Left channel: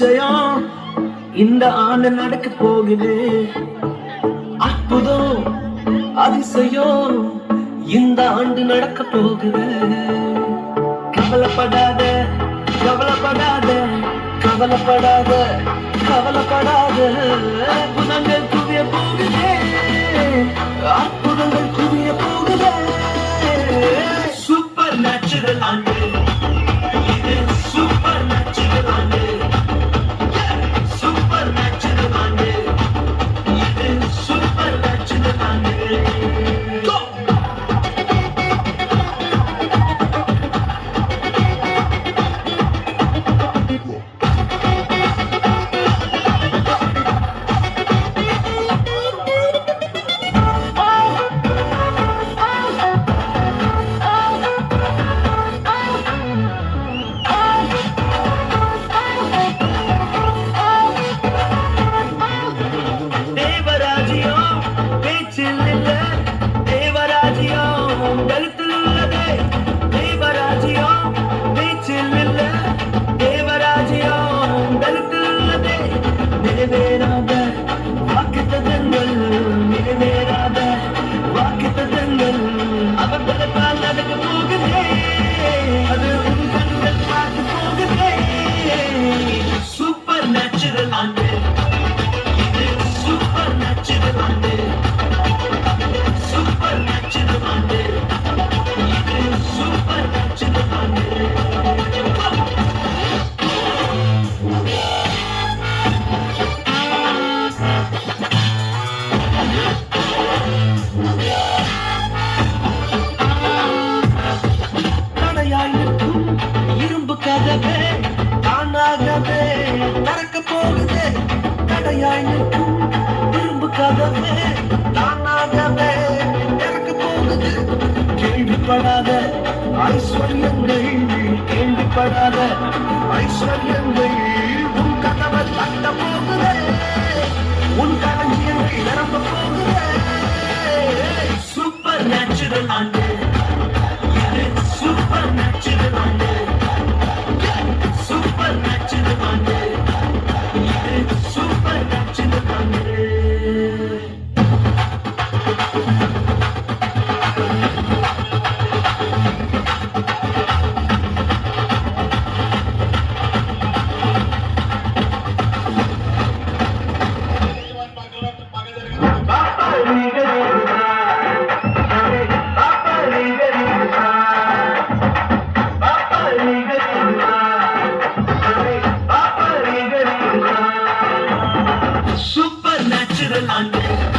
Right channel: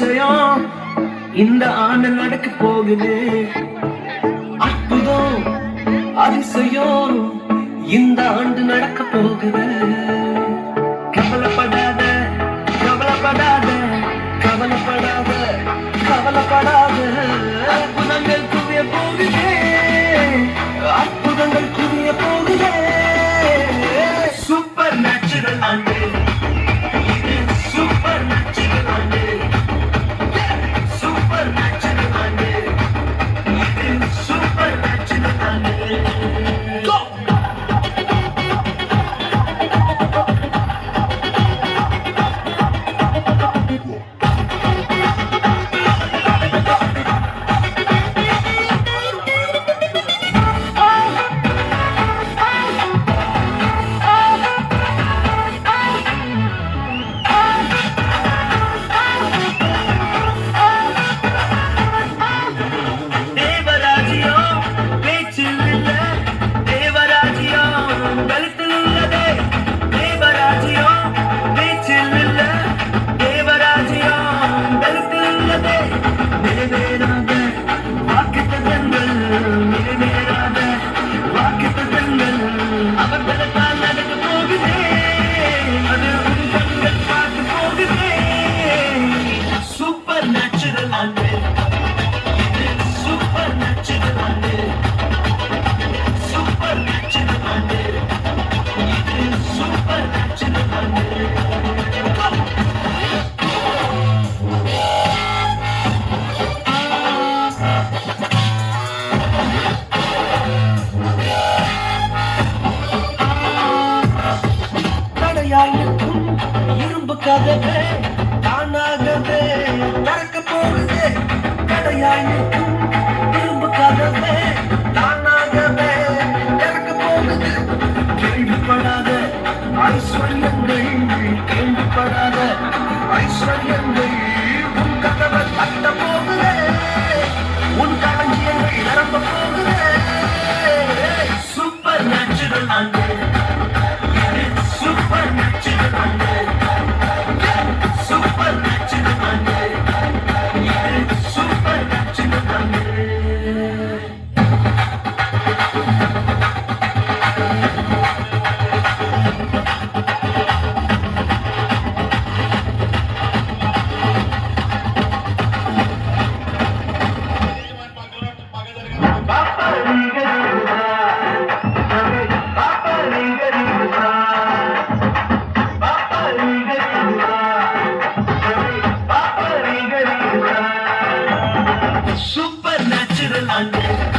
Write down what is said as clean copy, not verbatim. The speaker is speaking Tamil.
அதிசயம் இந்த ஆண்டு நடக்க போகுது. அற்புதம் அதிசயம் இந்த ஆண்டு நடக்க போகுது. கவலைப்படாத கவலைப்படாத கவலைப்படாத கவலைப்படாத. அற்புதங்கள் குவிய போகுது, அற்புதங்கள் குவிய போகுது. சூப்பர் நேச்சுரல் ஆண்டு, சூப்பர் நேச்சுரல் ஆண்டு, சூப்பர் நேச்சுரல் ஆண்டு, சூப்பர் நேச்சுரல் ஆண்டு. நிறைவேறாத வாக்குத்தத்தங்கள், நிறைவேறாத வாக்குத்தத்தங்கள் அவர் பலத்தால் நடக்க போகுதே. அது உன் கண்கள் பார்த்து போகுதே. சூப்பர் நேச்சுரல் ஆண்டு, சூப்பர் நேச்சுரல் ஆண்டு, சூப்பர் நேச்சுரல் ஆண்டு, சூப்பர் நேச்சுரல் ஆண்டு. இரும்பு கதவே தானாகவே திறக்க போகுது. தடையாய் நிற்கும் இரும்பு கதவே தானாகவே திறக்க போகுது. கேள்விப்படாத ஐஸ்வர்யங்கள், கேள்விப்படாத ஐஸ்வர்யங்கள் உன் கதவை தட்ட போகுது. உன் களஞ்சியங்கள் நிரம்ப போகுது. சூப்பர் நேச்சுரல் ஆண்டு, சூப்பர் நேச்சுரல் ஆண்டு, சூப்பர் நேச்சுரல் ஆண்டு, சூப்பர் நேச்சுரல் ஆண்டு. Super natural and